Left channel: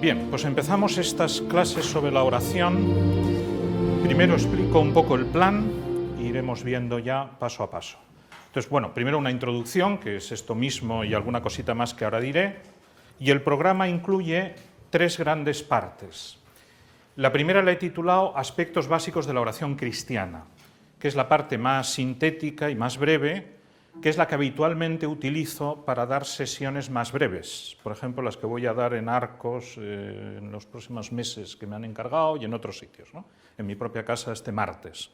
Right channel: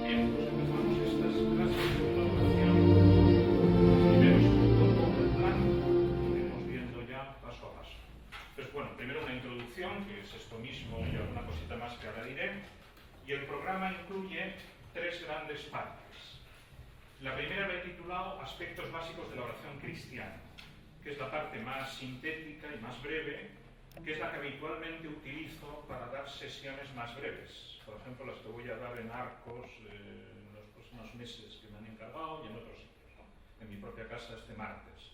Bien, pues empezamos estas clases sobre la oración. Primero explico un poco el plan e iremos viendo ya paso a paso. Entonces, bueno, primero una introducción, que es esto mismo y alguna cosita más que ahora diré, y el programa incluye tres grandes partes. La primera la he titulado Aspectos básicos de la oración cristiana, que es la parte más sintética y más breve, que es la que habitualmente utilizo para dar sesiones más breves, por ejemplo, las que voy a dar en Arcos en los próximos meses que me han encargado y en otros sitios, ¿no? En mi propia casa este martes.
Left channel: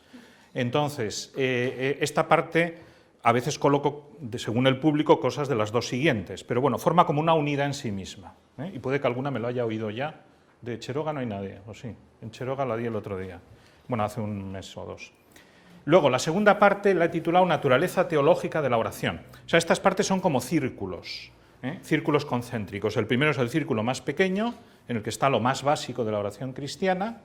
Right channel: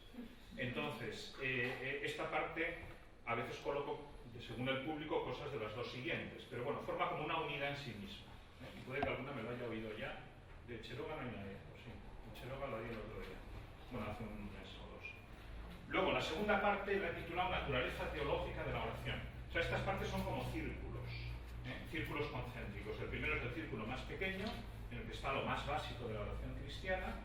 Entonces, esta parte a veces coloco, según el público, cosas de las dos siguientes, pero bueno, forma como una unidad en sí misma, ¿eh? Y puede que alguna me lo haya oído ya. De Cheroga no hay nadie, ¿o sí? En Cheroga la di el otro día, bueno, hace un mes o dos. Luego, la segunda parte la he titulado Naturaleza teológica de la oración. O sea, estas partes son como círculos, círculos concéntricos. El primero es el círculo más pequeño, en el que está lo más básico de la oración cristiana.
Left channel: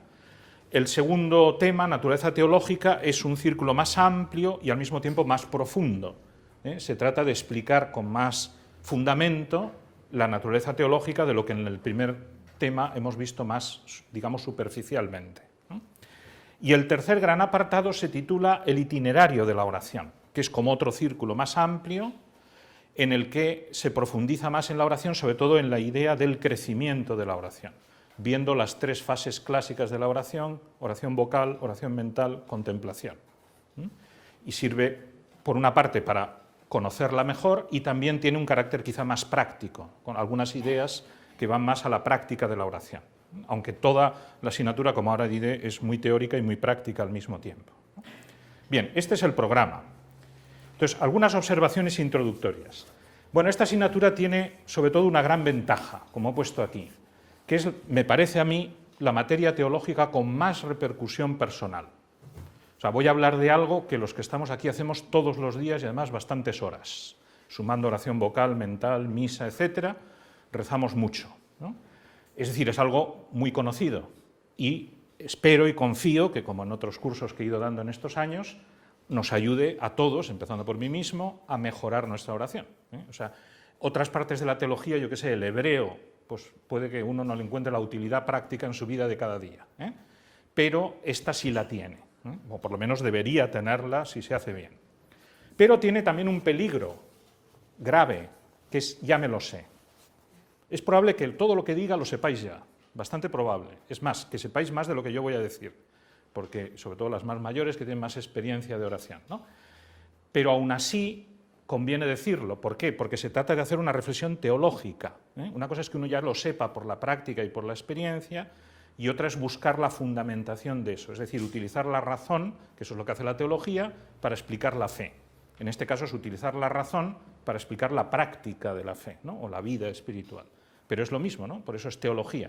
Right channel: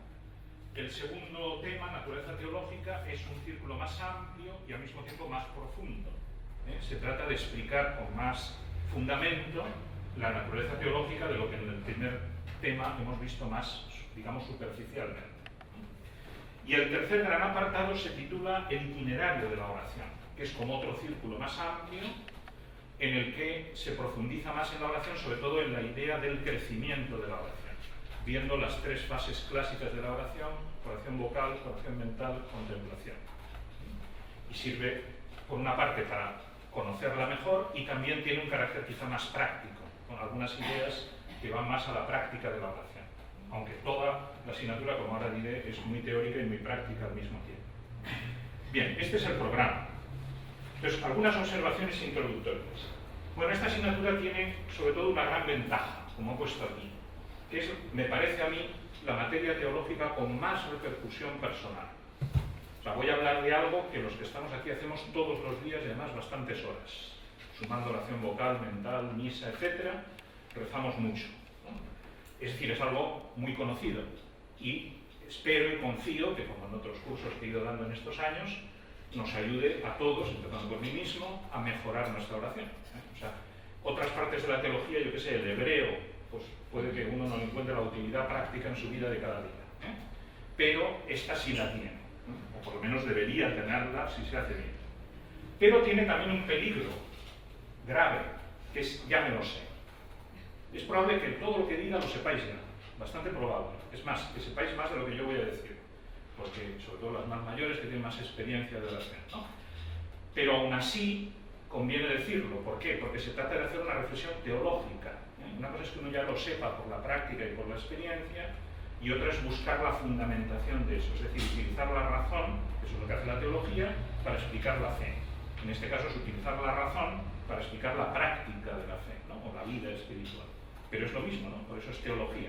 El segundo tema, naturaleza teológica, es un círculo más amplio y al mismo tiempo más profundo. Se trata de explicar con más fundamento la naturaleza teológica de lo que en el primer tema hemos visto más, digamos, superficialmente. Y el tercer gran apartado se titula El itinerario de la oración, que es como otro círculo más amplio en el que se profundiza más en la oración, sobre todo en la idea del crecimiento de la oración, viendo las tres fases clásicas de la oración: oración vocal, oración mental, contemplación. Y sirve, por una parte, para conocerla mejor, y también tiene un carácter quizá más práctico, con algunas ideas que van más a la práctica de la oración, aunque toda la asignatura, como ahora diré, es muy teórica y muy práctica al mismo tiempo. Bien, este es el programa. Entonces, algunas observaciones introductorias. Bueno, esta asignatura tiene sobre todo una gran ventaja, como he puesto aquí, que es, me parece a mí, la materia teológica con más repercusión personal. O sea, voy a hablar de algo que los que estamos aquí hacemos todos los días y además bastantes horas, sumando oración vocal, mental, misa, etc. Rezamos mucho, ¿no? Es decir, es algo muy conocido y espero y confío que, como en otros cursos que he ido dando en estos años, nos ayude a todos, empezando por mí mismo, a mejorar nuestra oración. O sea, otras partes de la teología, yo qué sé, el hebreo, pues puede que uno no le encuentre la utilidad práctica en su vida de cada día, pero esta sí la tiene, o por lo menos debería tenerla si se hace bien. Pero tiene también un peligro grave, que es ya me lo sé. Es probable que todo lo que diga lo sepáis ya, bastante probable. Es más, que sepáis más de lo que yo voy a decir, porque sobre todo las más mayores que tienen más experiencia de oración, ¿no? Pero aún así conviene decirlo. ¿Por qué? Porque se trata de hacer una reflexión teológica, ¿eh? Una cosa es que uno ya lo sepa por la práctica y por la experiencia, y otra es buscar la fundamentación de eso, es decir, utilizar la razón, que eso es lo que hace la teología, para explicar la fe. En este caso es utilizar la razón para explicar la práctica de la fe, ¿no? O la vida espiritual. Pero es lo mismo, ¿no? Por eso es teología.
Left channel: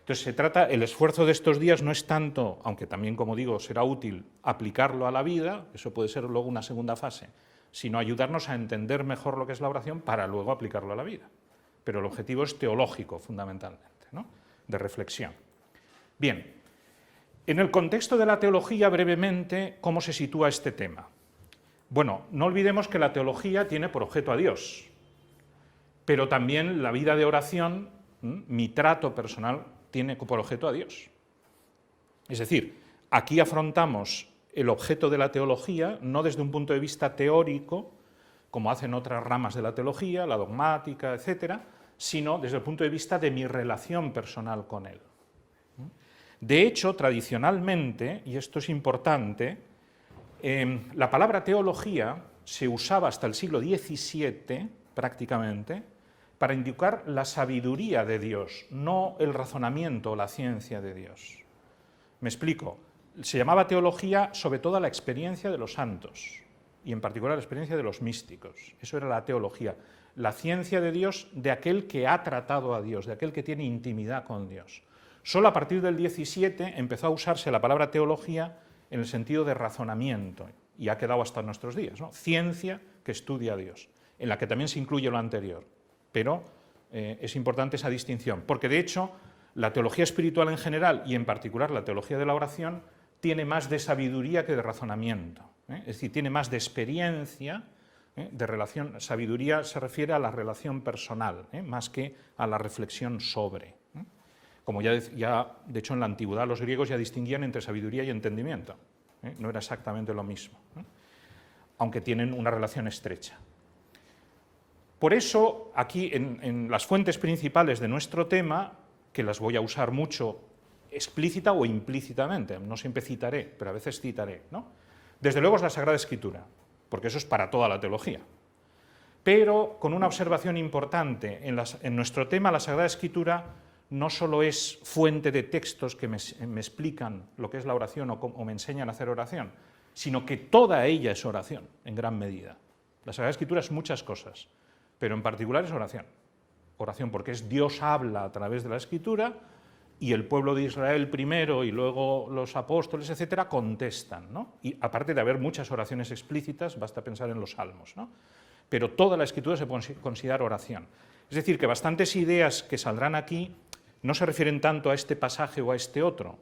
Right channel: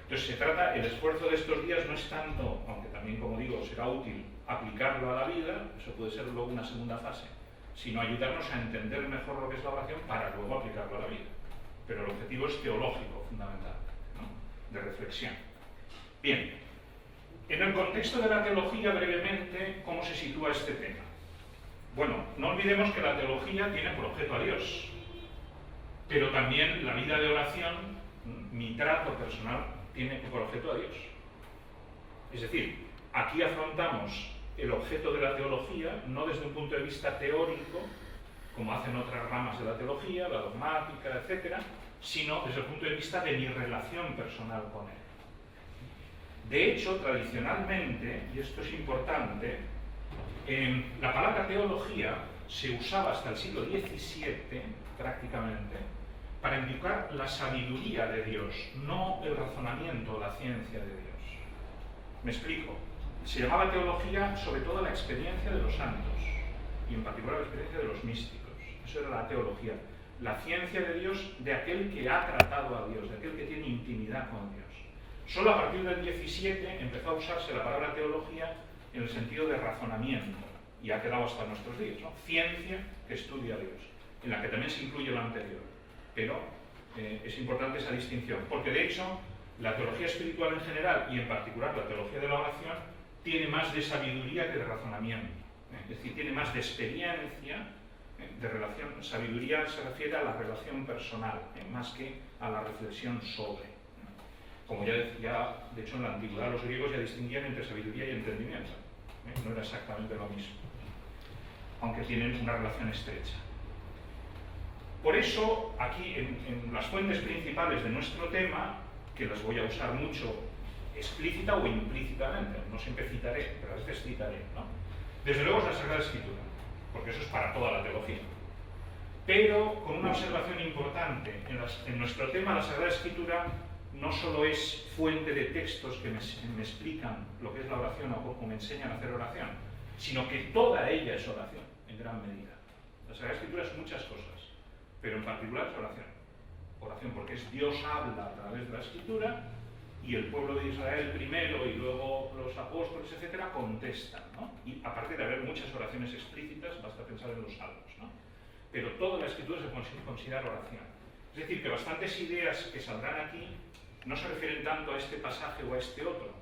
Entonces se trata, el esfuerzo de estos días no es tanto, aunque también, como digo, será útil aplicarlo a la vida, eso puede ser luego una segunda fase, sino ayudarnos a entender mejor lo que es la oración para luego aplicarlo a la vida. Pero el objetivo es teológico, fundamentalmente, ¿no? De reflexión. Bien, en el contexto de la teología, brevemente, ¿cómo se sitúa este tema? Bueno, no olvidemos que la teología tiene por objeto a Dios, pero también la vida de oración, mi trato personal, tiene por objeto a Dios. Es decir, aquí afrontamos el objeto de la teología no desde un punto de vista teórico, como hacen otras ramas de la teología, la dogmática, etc., sino desde el punto de vista de mi relación personal con Él. De hecho, tradicionalmente, y esto es importante, la palabra teología se usaba hasta el siglo XVII, prácticamente, para indicar la sabiduría de Dios, no el razonamiento o la ciencia de Dios. Me explico. Se llamaba teología sobre todo a la experiencia de los santos, y en particular la experiencia de los místicos. Eso era la teología. La ciencia de Dios, de aquel que ha tratado a Dios, de aquel que tiene intimidad con Dios. Solo a partir del XVII empezó a usarse la palabra teología en el sentido de razonamiento, y ha quedado hasta nuestros días, ¿no? Ciencia que estudia a Dios, en la que también se incluye lo anterior. Pero es importante esa distinción, porque de hecho la teología espiritual en general, y en particular la teología de la oración, tiene más de sabiduría que de razonamiento, es decir, tiene más de experiencia, de relación. Sabiduría se refiere a la relación personal, más que a la reflexión sobre. como ya de hecho en la antigüedad los griegos ya distinguían entre sabiduría y entendimiento. No era exactamente lo mismo, aunque tienen una relación estrecha. Por eso, aquí en las fuentes principales de nuestro tema, que las voy a usar mucho explícita o implícitamente, no siempre citaré, pero a veces citaré, ¿no? Desde luego es la Sagrada Escritura, porque eso es para toda la teología. Pero con una observación importante, en nuestro tema la Sagrada Escritura no solo es fuente de textos que me explican lo que es la oración o me enseñan a hacer oración, sino que toda ella es oración, en gran medida. La Sagrada Escritura es muchas cosas, pero en particular es oración. Oración porque es Dios habla a través de la Escritura y el pueblo de Israel primero y luego los apóstoles, etcétera, contestan, ¿no? Y aparte de haber muchas oraciones explícitas, basta pensar en los salmos, ¿no? Pero toda la Escritura se considera oración. Es decir, que bastantes ideas que saldrán aquí no se refieren tanto a este pasaje o a este otro,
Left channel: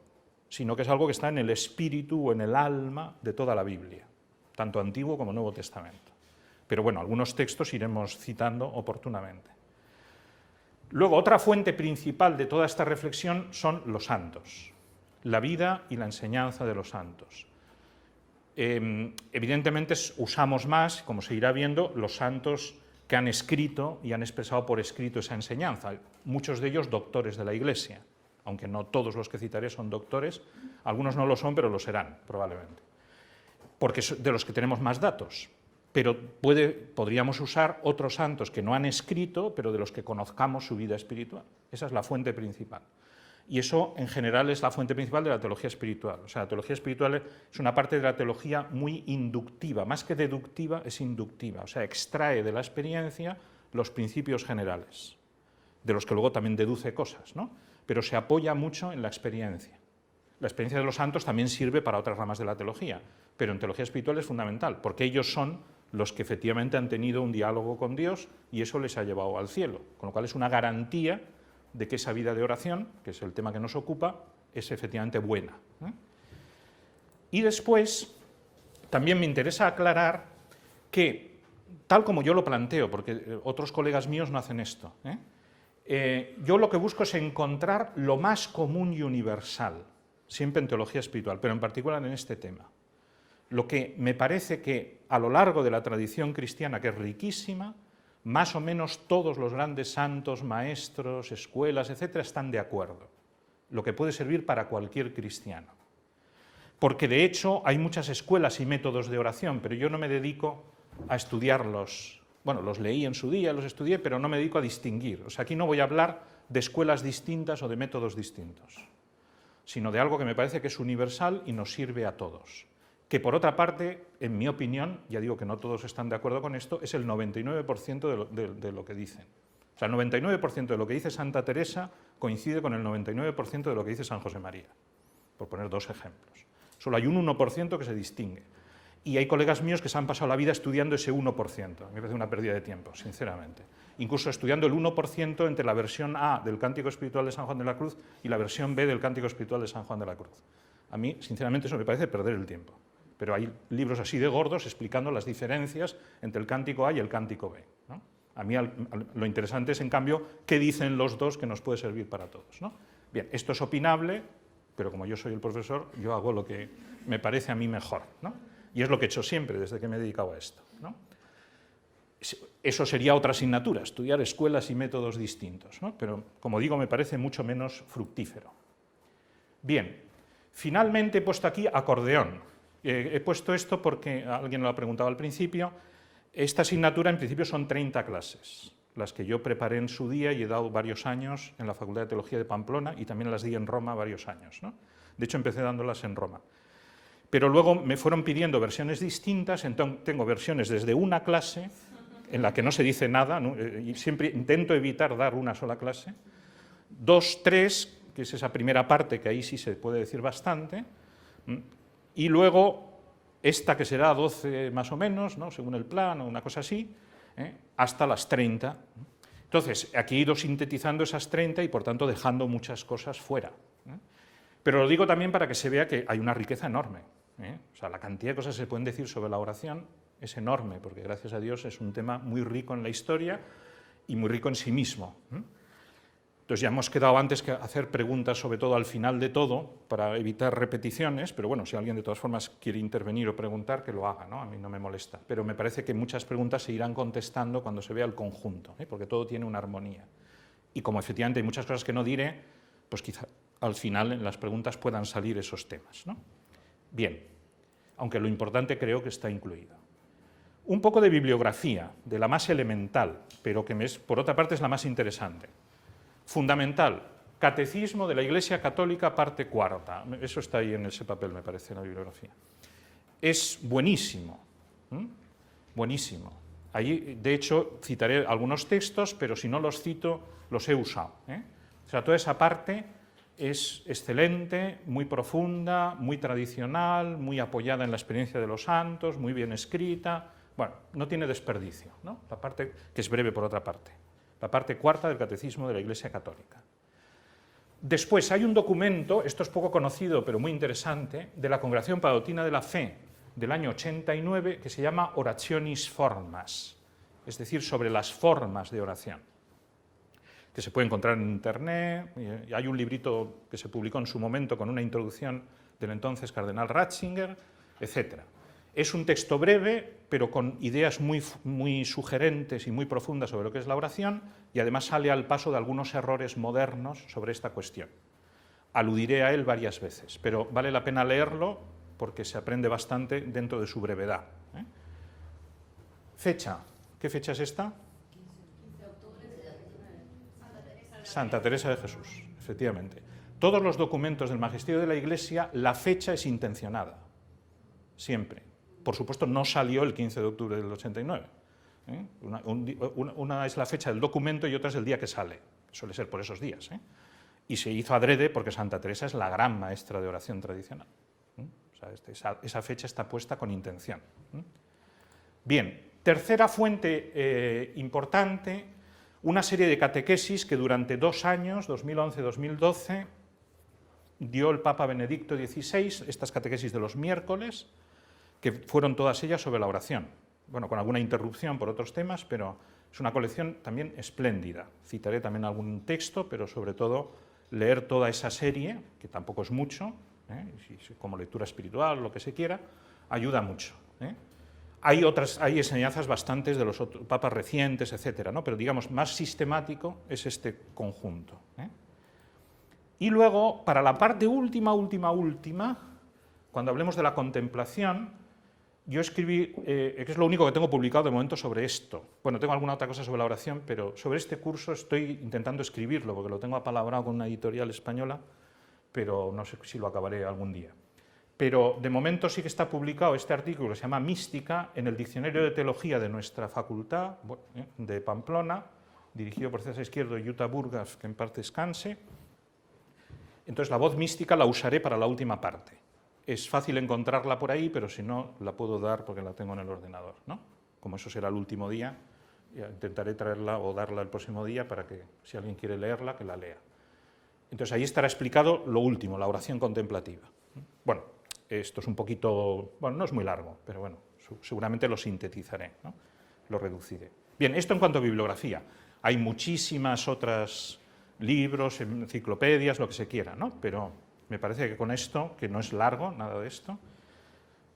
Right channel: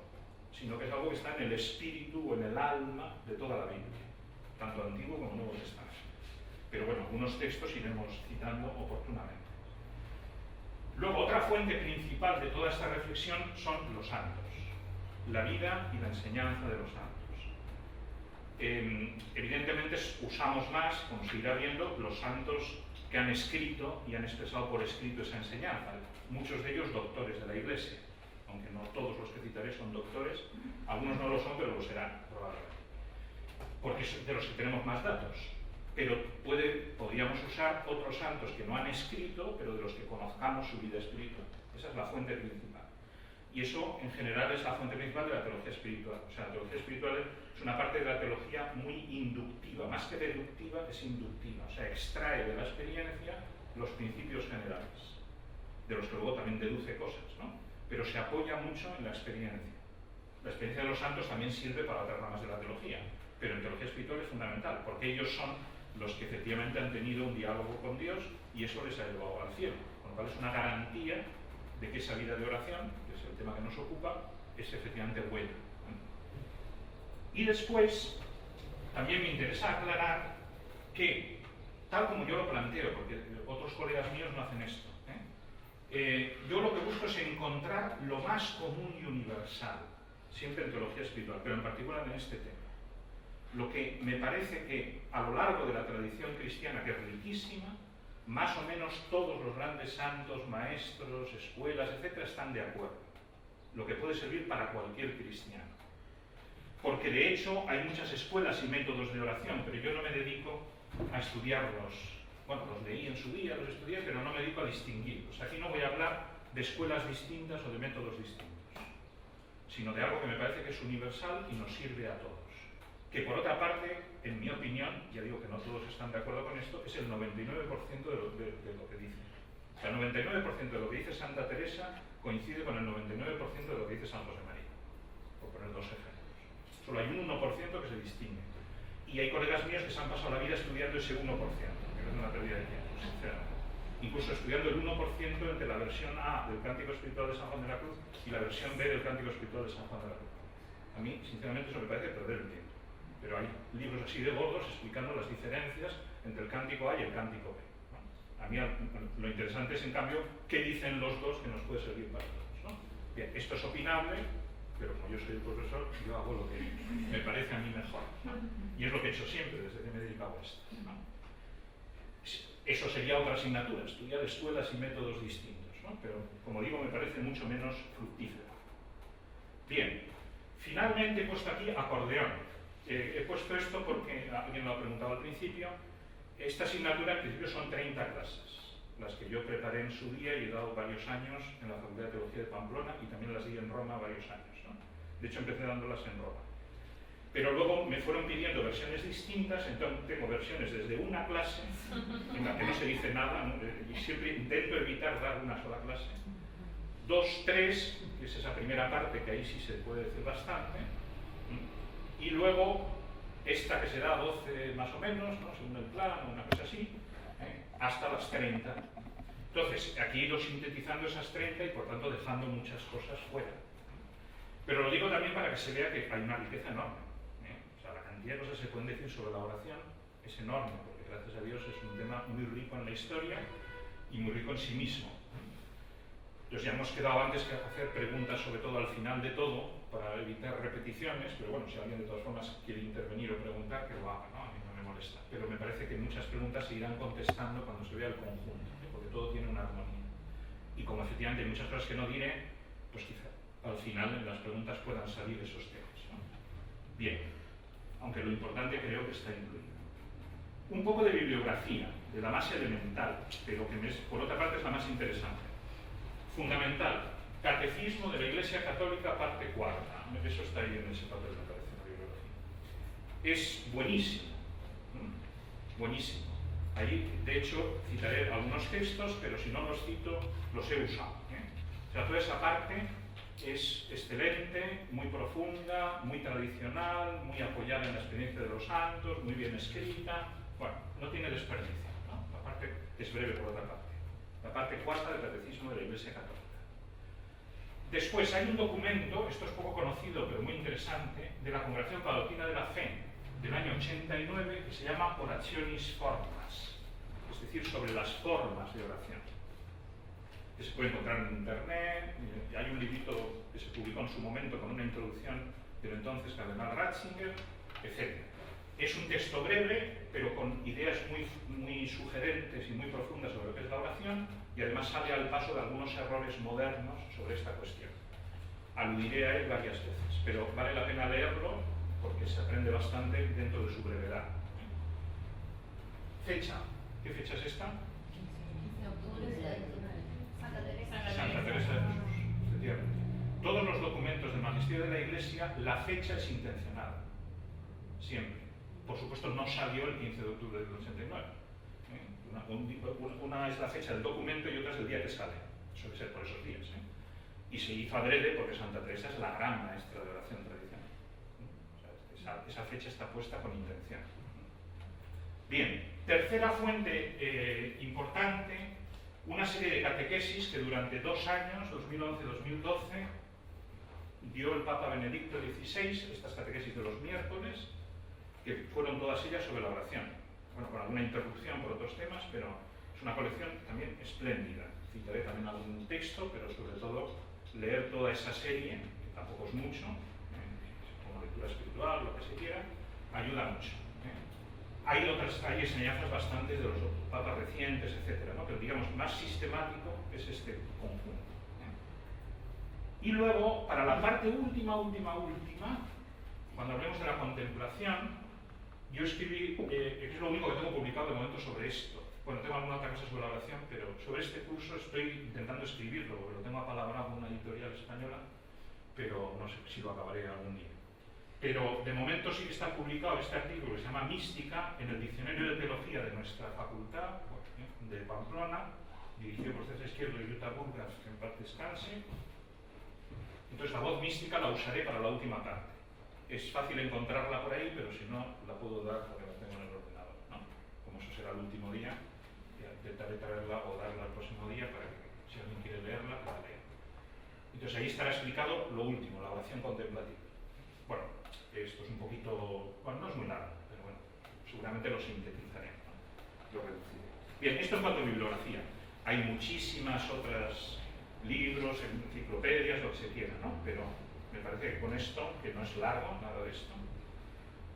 sino que es algo que está en el espíritu o en el alma de toda la Biblia, tanto Antiguo como Nuevo Testamento. Pero bueno, algunos textos iremos citando oportunamente. Luego, otra fuente principal de toda esta reflexión son los santos, la vida y la enseñanza de los santos. Evidentemente usamos más, como se irá viendo, los santos que han escrito y han expresado por escrito esa enseñanza, muchos de ellos doctores de la Iglesia, aunque no todos los que citaré son doctores, algunos no lo son, pero lo serán, probablemente, porque es de los que tenemos más datos. Pero podríamos usar otros santos que no han escrito, pero de los que conozcamos su vida espiritual. Esa es la fuente principal. Y eso, en general, es la fuente principal de la teología espiritual. O sea, la teología espiritual es una parte de la teología muy inductiva. Más que deductiva, es inductiva. O sea, extrae de la experiencia los principios generales, de los que luego también deduce cosas, ¿no? Pero se apoya mucho en la experiencia. La experiencia de los santos también sirve para otras ramas de la teología, pero en teología espiritual es fundamental, porque ellos son los que efectivamente han tenido un diálogo con Dios y eso les ha llevado al cielo, con lo cual es una garantía de que esa vida de oración, que es el tema que nos ocupa, es efectivamente buena, ¿no? Y después, también me interesa aclarar que, tal como yo lo planteo, porque otros colegas míos no hacen esto, yo lo que busco es encontrar lo más común y universal, siempre en teología espiritual, pero en particular en este tema. Lo que me parece que a lo largo de la tradición cristiana, que es riquísima, más o menos todos los grandes santos, maestros, escuelas, etcétera, están de acuerdo. Lo que puede servir para cualquier cristiano. Porque de hecho hay muchas escuelas y métodos de oración, pero yo no me dedico a estudiarlos. Bueno, los leí en su día, los estudié, pero no me dedico a distinguir. O sea, aquí no voy a hablar de escuelas distintas o de métodos distintos, sino de algo que me parece que es universal y nos sirve a todos. Que por otra parte, en mi opinión, ya digo que no todos están de acuerdo con esto, es el 99% de lo que dice. O sea, el 99% de lo que dice Santa Teresa coincide con el 99% de lo que dice San José María, por poner dos ejemplos. Solo hay un 1% que se distingue. Y hay colegas míos que se han pasado la vida estudiando ese 1%, me parece una pérdida de tiempo, sinceramente. Incluso estudiando el 1% entre la versión A del Cántico Espiritual de San Juan de la Cruz y la versión B del Cántico Espiritual de San Juan de la Cruz. A mí, sinceramente, eso me parece perder el tiempo. Pero hay libros así de gordos explicando las diferencias entre el cántico A y el cántico B, ¿no? A mí lo interesante es, en cambio, qué dicen los dos que nos puede servir para todos, ¿no? Bien, esto es opinable, pero como yo soy el profesor, yo hago lo que me parece a mí mejor, ¿no? Y es lo que he hecho siempre desde que me he dedicado a esto, ¿no? Eso sería otra asignatura, estudiar escuelas y métodos distintos, ¿no? Pero, como digo, me parece mucho menos fructífero. Bien, finalmente he puesto aquí acordeón. He puesto esto porque alguien lo ha preguntado al principio. Esta asignatura en principio son 30 clases, las que yo preparé en su día y he dado varios años en la Facultad de Teología de Pamplona y también las di en Roma varios años, ¿no? De hecho, empecé dándolas en Roma. Pero luego me fueron pidiendo versiones distintas, entonces tengo versiones desde una clase, en la que no se dice nada, ¿no? Y siempre intento evitar dar una sola clase, 2, 3, que es esa primera parte, que ahí sí se puede decir bastante, y luego esta que será 12 más o menos, ¿no? Según el plan o una cosa así, hasta las 30. Entonces, aquí he ido sintetizando esas 30 y por tanto dejando muchas cosas fuera. Pero lo digo también para que se vea que hay una riqueza enorme. O sea, la cantidad de cosas que se pueden decir sobre la oración es enorme, porque gracias a Dios es un tema muy rico en la historia y muy rico en sí mismo. Entonces ya hemos quedado antes que hacer preguntas, sobre todo al final de todo, para evitar repeticiones, pero bueno, si alguien de todas formas quiere intervenir o preguntar, que lo haga, ¿no? A mí no me molesta. Pero me parece que muchas preguntas se irán contestando cuando se vea el conjunto, porque todo tiene una armonía. Y como efectivamente hay muchas cosas que no diré, pues quizá al final en las preguntas puedan salir esos temas, ¿no? Bien, aunque lo importante creo que está incluido. Un poco de bibliografía, de la más elemental, pero que por otra parte es la más interesante. Fundamental, Catecismo de la Iglesia Católica, parte cuarta. Eso está ahí en ese papel, me parece, en la bibliografía. Es buenísimo, buenísimo. Allí, de hecho, citaré algunos textos, pero si no los cito, los he usado. O sea, toda esa parte es excelente, muy profunda, muy tradicional, muy apoyada en la experiencia de los santos, muy bien escrita. Bueno, no tiene desperdicio, ¿no? La parte que es breve por otra parte. La parte cuarta del Catecismo de la Iglesia Católica. Después hay un documento, esto es poco conocido pero muy interesante, de la Congregación para la Doctrina de la Fe del año 89, que se llama Orationis Formas, es decir, sobre las formas de oración, que se puede encontrar en internet. Hay un librito que se publicó en su momento con una introducción del entonces cardenal Ratzinger, etc. Es un texto breve, pero con ideas muy sugerentes y muy profundas sobre lo que es la oración, y además sale al paso de algunos errores modernos sobre esta cuestión. Aludiré a él varias veces, pero vale la pena leerlo porque se aprende bastante dentro de su brevedad. Fecha. ¿Qué fecha es esta? Santa Teresa de Jesús, efectivamente. Todos los documentos del Magisterio de la Iglesia, la fecha es intencionada, siempre. Por supuesto, no salió el 15 de octubre del 89. Una es la fecha del documento y otra es el día que sale. Suele ser por esos días. Y se hizo adrede porque Santa Teresa es la gran maestra de oración tradicional. O sea, esa fecha está puesta con intención. Bien, tercera fuente importante, una serie de catequesis que durante 2 años, 2011-2012, dio el Papa Benedicto XVI, estas catequesis de los miércoles, que fueron todas ellas sobre la oración. Bueno, con alguna interrupción por otros temas, pero es una colección también espléndida. Citaré también algún texto, pero sobre todo leer toda esa serie, que tampoco es mucho, como lectura espiritual, lo que se quiera, ayuda mucho. Hay enseñanzas bastantes de los otros papas recientes, etcétera, ¿no? Pero digamos, más sistemático es este conjunto. Y luego, para la parte última, cuando hablemos de la contemplación, yo escribí, que es lo único que tengo publicado de momento sobre esto. Bueno, tengo alguna otra cosa sobre la oración, pero sobre este curso estoy intentando escribirlo, porque lo tengo apalabrado con una editorial española, pero no sé si lo acabaré algún día. Pero de momento sí que está publicado este artículo que se llama Mística en el Diccionario de Teología de nuestra facultad de Pamplona, dirigido por César Izquierdo y Jutta Burgas, que en parte descanse. Entonces la voz mística la usaré para la última parte. Es fácil encontrarla por ahí, pero si no, la puedo dar porque la tengo en el ordenador, ¿no? Como eso será el último día, ya intentaré traerla o darla el próximo día para que, si alguien quiere leerla, que la lea. Entonces ahí estará explicado lo último, la oración contemplativa. Bueno, esto es un poquito, bueno, no es muy largo, pero bueno, seguramente lo sintetizaré, ¿no? Lo reduciré. Bien, esto en cuanto a bibliografía. Hay muchísimas otras libros, enciclopedias, lo que se quiera, ¿no? Pero me parece que con esto, que no es largo, nada de esto,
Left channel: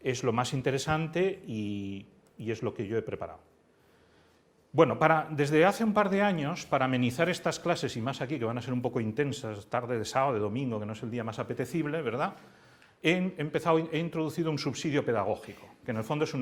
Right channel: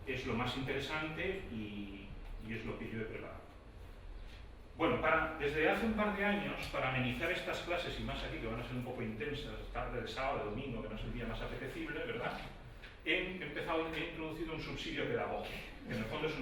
es lo más interesante y es lo que yo he preparado. Bueno, desde hace un par de años, para amenizar estas clases, y más aquí, que van a ser un poco intensas, tarde de sábado, de domingo, que no es el día más apetecible, ¿verdad?, he introducido un subsidio pedagógico, que en el fondo es